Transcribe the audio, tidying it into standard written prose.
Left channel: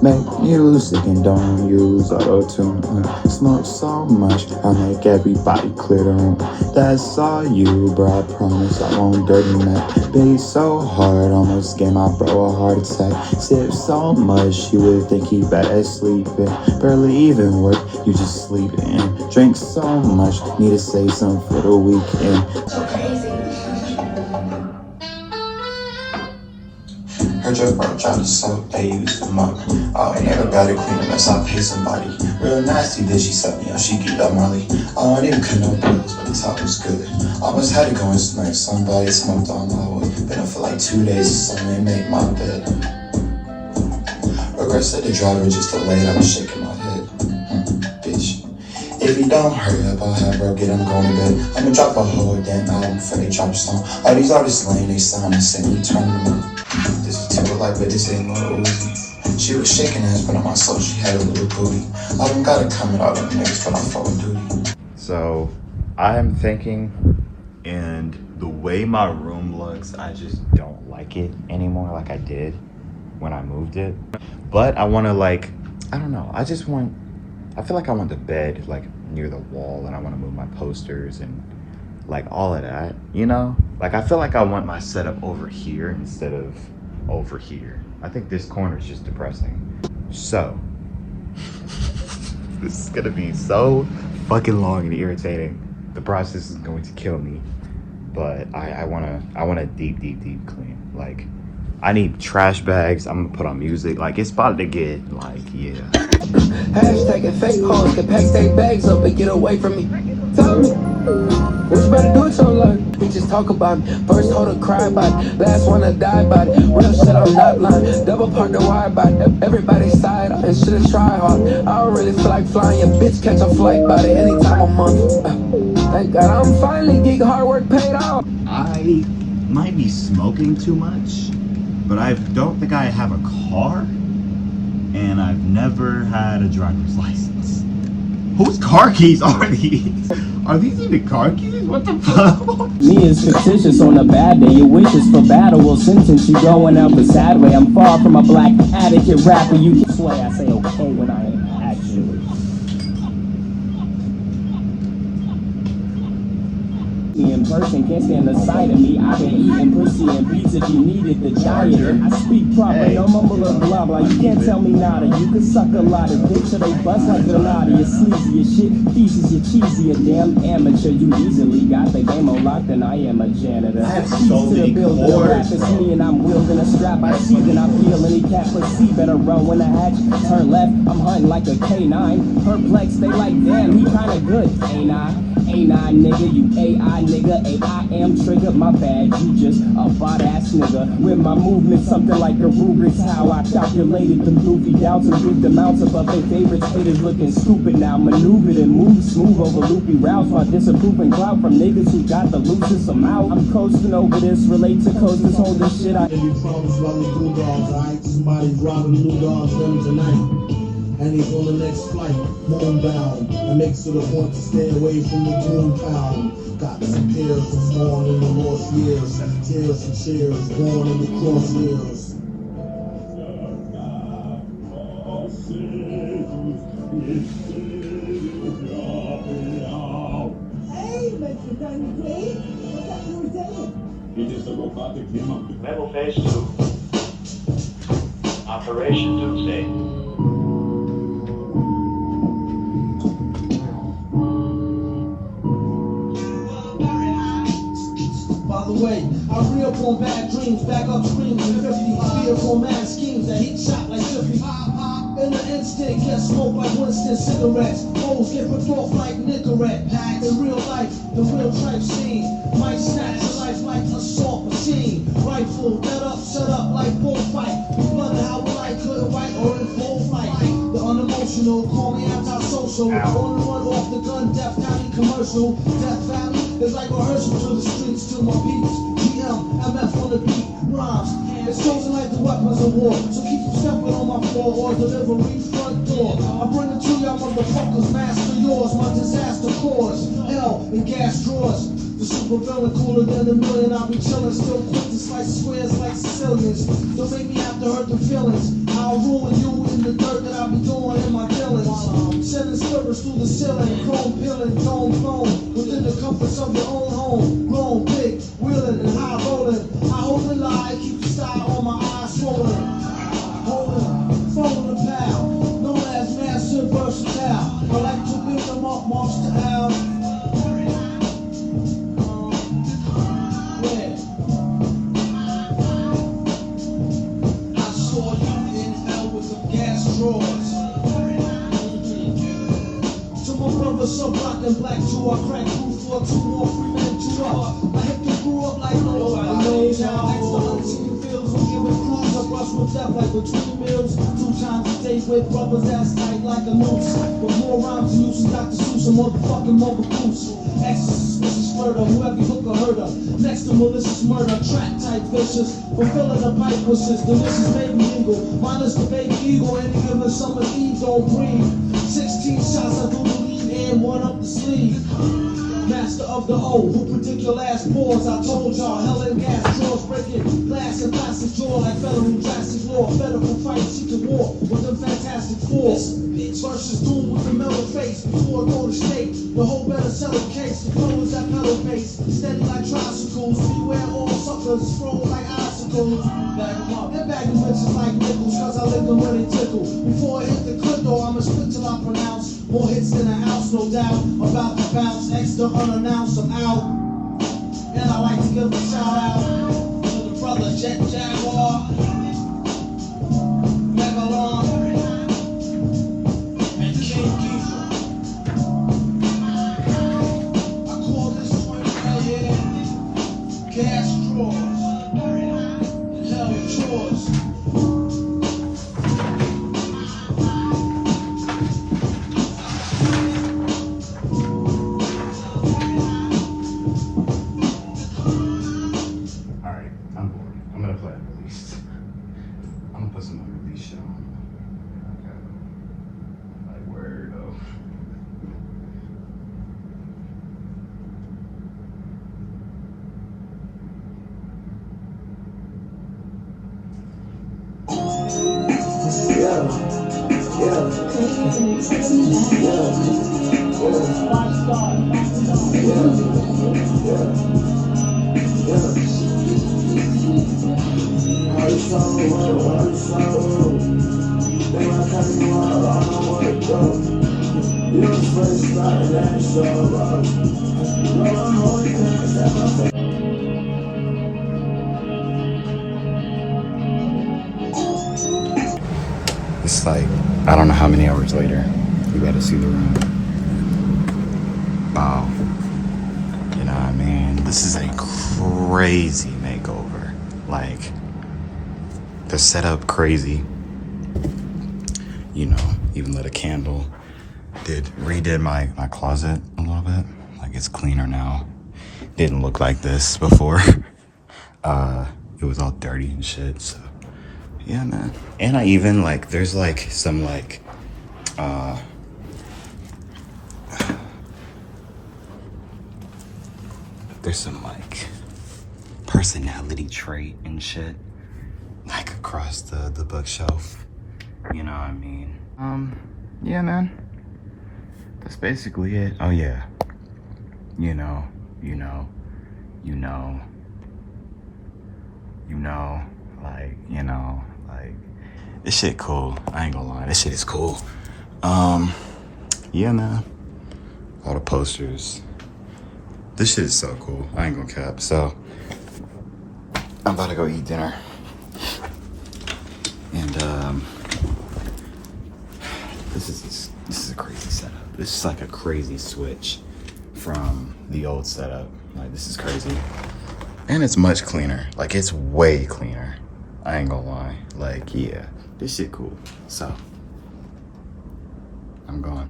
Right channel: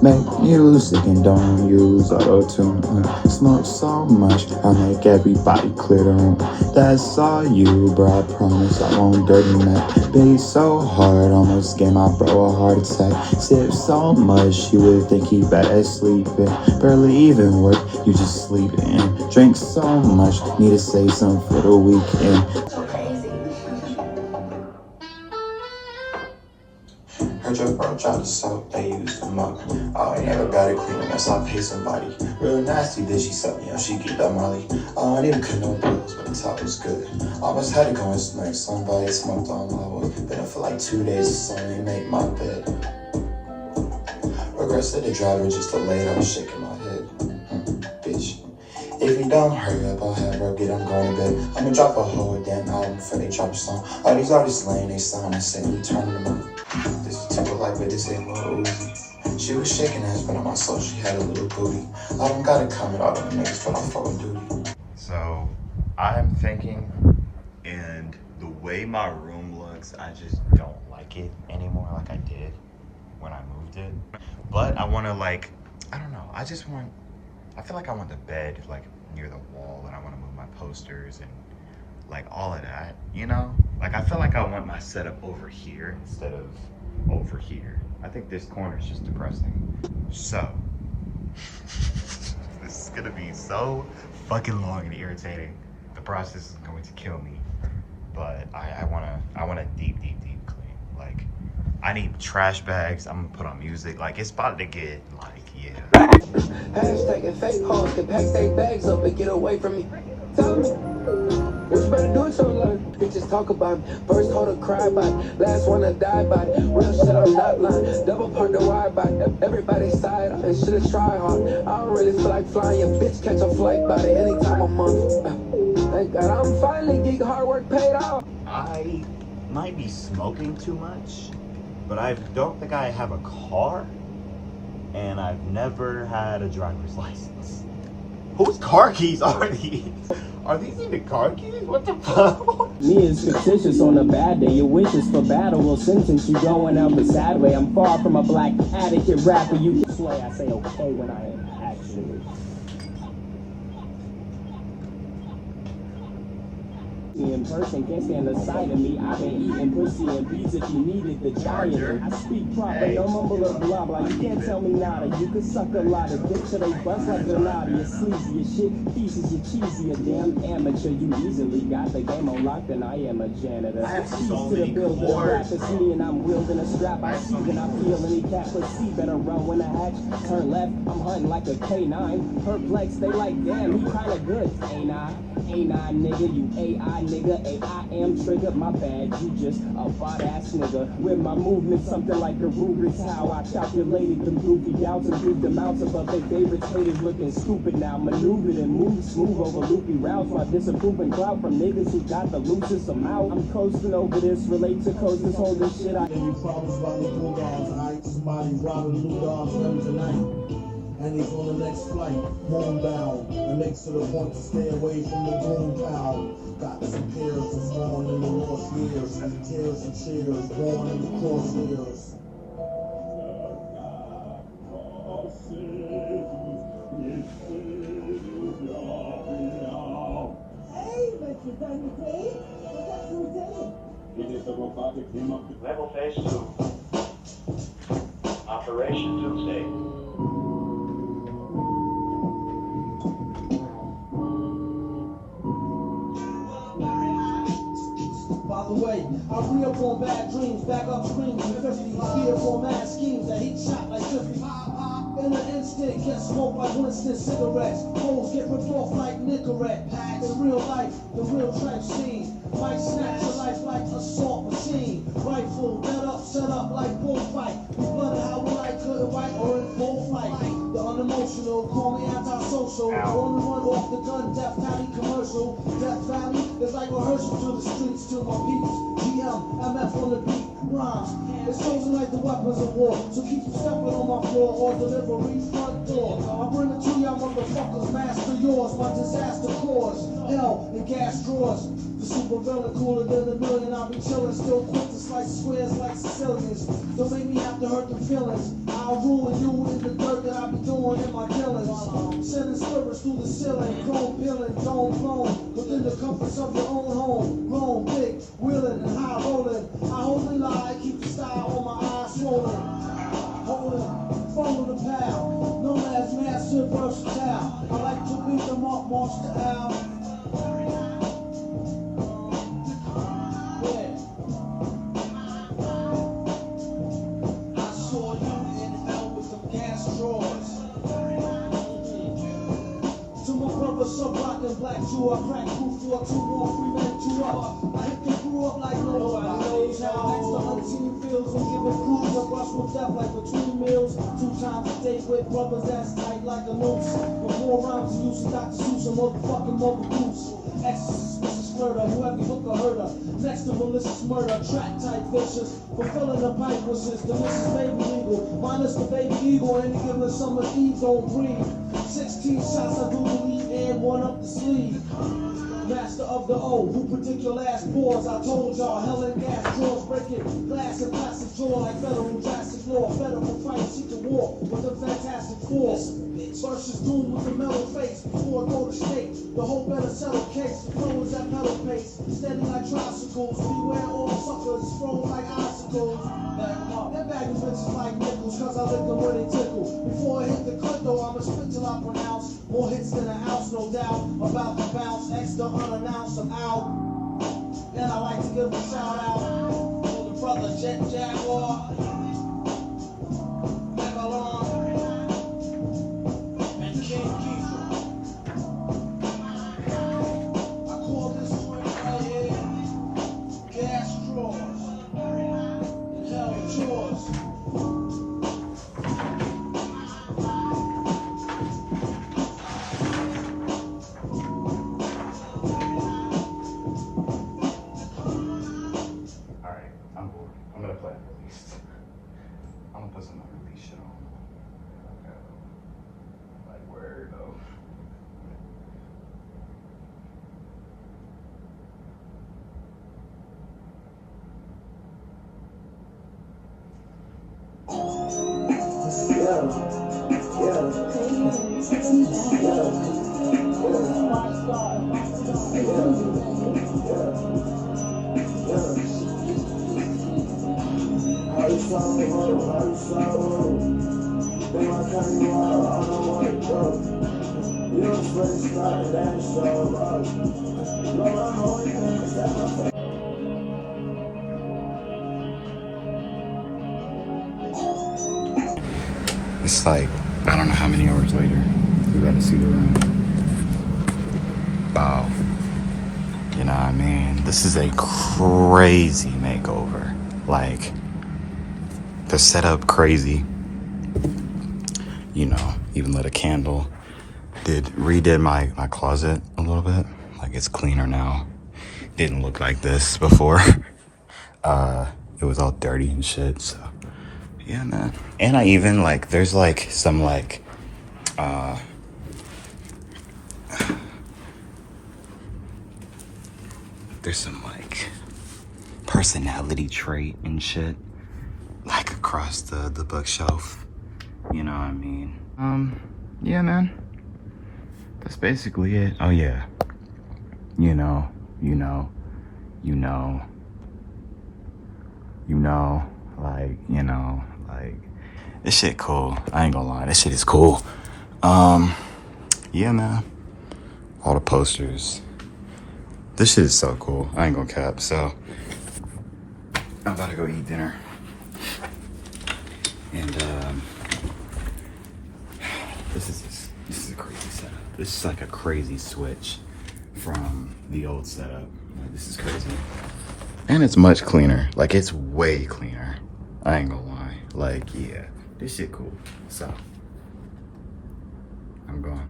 Make music and don't use auto-tune. Smoke so much, I make everybody clear the room. That's all you, bro, I promise I won't dirty Mac. Beat so hard, almost gave my bro a heart attack. Sip so much, you would think he bad at sleeping. Barely even work, you just sleeping. Drink so much, need to say something for the weekend. Her drug bro tried to soak, they used them up. Oh, I never got it clean unless I pay somebody. Real nasty, bitch, she sucked me up, she get up Marley. I don't even cut no bills, but the top was good. Almost had to go and smack somebody, smoked all my wood. Been up for like 2 days, so they made my bed. Regrets said the driver just delayed, I was shaking my head. Bitch. If you don't hurry up, I'll have her get, I'm going to bed. I'ma drop a whole damn album before they drop a song. All these artists laying they sound and say we turn them up. This is Timberlake, but this ain't no Uzi. She was shaking ass, but on my soul she had a little booty. I don't gotta come at all them niggas, but I'm full duty. So, I'm thinking, and the way my room looks, I just don't like it anymore like I did when I moved it. But I wanna like, I don't know, I feel like I want the bed like near the wall, and I want to move my posters and like all of that, you know? Like I feel like I want my setup over here instead of over here. I think this corner is just depressing. So, this is gonna be so fucking long and irritating. The process is going to kill me, but I want a deep clean. Like, I need trash bags. I'm gonna put on music. Like, it's about to get like, yeah. Hashtag and fake hoes can pack their bags up and get away from me. Tell me, what you better do with your life? We just talk about it. First hold a cry about it. Last one to die about it. Real shit, I'm not lying. Double park the wire about it. Everybody's side up and shit is try hard. I don't really feel like flying. Your bitch catch a flight about it anytime a month. Thank God I'm finally getting hard work paid off. I might be smoking too much, but I don't think I have a car, and I've never had a driver's license. Whose car keys are these? Are these even car keys? What the fuck? Me is fictitious on a bad day. Your wishes for battle will sentence you going out the sad way. I'm far from a black addict rapper. You can swear I say okay when I am actually. In person, can't stand the sight of me. I've been eating pussy and beats if you needed the charger. I speak proper, I'm a little blah blah. You can't tell me nada. You can suck a lot of dick, so they bust like a lot of your sleazy as shit. Thesis, you're cheesy, a damn amateur. You easily got the game unlocked, and I am a janitor. I have so many chords, bro. And I'm wielding a strap. I see and I feel any cat perceive better row when the hatch. Turn left, I'm hunting like a K9. Perplexed, they like damn, he kinda good, ain't I? Ain't I, nigga, you AI, nigga, I am trigger, my bad, you just a bot ass nigga. With my movement, something like a Rubik's, how I calculated the movie down to with the mounts of their favorite spitters looking stupid now. Maneuvered and moved smooth over loopy routes while disapproving clout from niggas who got the loosest amount. I'm coasting over this, relate to coasters, hold this shit out. Somebody dropping new dogs them tonight. And he's on the next flight, homebound. I make to the point to stay away from the compound. Got some peers who's born in the lost years. Tears and cheers, born in the crosshairs. Metal Phase 2. Operation Doomsday. I real from bad dreams, back up screams, I fear from mad schemes that heat shot like Jiffy. In the instant, get smoked like Winston cigarettes. Hoes get ripped off like Nicorette. In real life, the real type scene might snatch your life like a assault machine. Rifle, let up, shut up like bullfight. You wonder how I couldn't write or in full fight. The unemotional, call me antisocial. Pulling one off the gun, Death Valley commercial. Death Valley is like rehearsal to the streets, to my beats. GM, MF on the beat, rhymes. It's chosen like the weapons of war. So keep stepping on my floor or delivery front door. I bring it to y'all motherfuckers, master yours. My disaster cause L in gas drawers. The super villain cooler than a million. I'll be chillin', still quick to slice squares like Sicilians. Don't make me have to to hurt the feelings. I'll ruin you in the dirt that I be doing in my dealings. Sending spirits through the ceiling, chrome peeling, dome blown, within the comforts of your own home. Grown, big, wheeling and high rolling. I hold the lie, keep the style on my eyes swollen. Holding, throwing the pal, known as massive versatile. I like to pick them up, march the out. Yeah. I saw you in hell with the gas drawers. To my brother, so black and black, too. I cracked through for 2 more freaking truck. I hit the grew up like nobody knows how. Excellent feels who give it cruise. I brush with death like a 2 meals. 2 times a day with brothers that's tight like a noose. With more rhymes than you see Dr. Seuss, a motherfucking mother goose. Exorcist, vicious murder, whoever hook or hurt her. Next to malicious murder, track type vicious. Fulfilling the pipe wishes, delicious baby eagle. Minus the baby eagle, any given summer eve, don't breathe. 16 shots, I do believe, and 1 up the sleeve. Master of the O, who predict your last pause. I told y'all, hell and gas, drawers breaking glass and plastic jaw like federal drastic law. Federal fight, seeking war with the fantastic force. Bitch versus doom with the metal face. Before I go to state, the whole better settle case. The flow is at pedal pace, steady like tricycles. Beware all suckers, throw like icicles. Bag them up, and bagging bitches like nickels, cause I let the money tickle. Before I hit the clip though, I'ma spit till I pronounce more hits than a house, no doubt. About to bounce, extra unannounced, I'm out. And I like to give a shout out to the brother Jet Jaguar, Megalon, and King Geezer. I call this joint right here Gas Drawers. Hell, yours. It's like, I don't know how many hours later. We gotta see the room. Wow. You know what I mean? This is a crazy makeover. Like, the setup crazy. You know, even lit a candle. Redid my closet a little bit. Like, it's cleaner now. Didn't look like this before. It was all dirty and shit, so. Yeah, man. And I even, like, there's, like, some, like, there's some, like, personality trait and shit, like, across the bookshelf. You know what I mean? Yeah, man. That's basically it. Oh, yeah. You know, like, this shit cool. I ain't gonna lie, this shit is cool. Yeah, man. All the posters. This shit is so cool. I ain't gonna cap. So, I'm about to go eat dinner. And, this is a crazy setup. This is like a crazy switch from the old setup. Like, this is crazy. And it's much cleaner. Like, it's way cleaner. I ain't gonna lie. Like, yeah, this shit cool. So, I'm gone.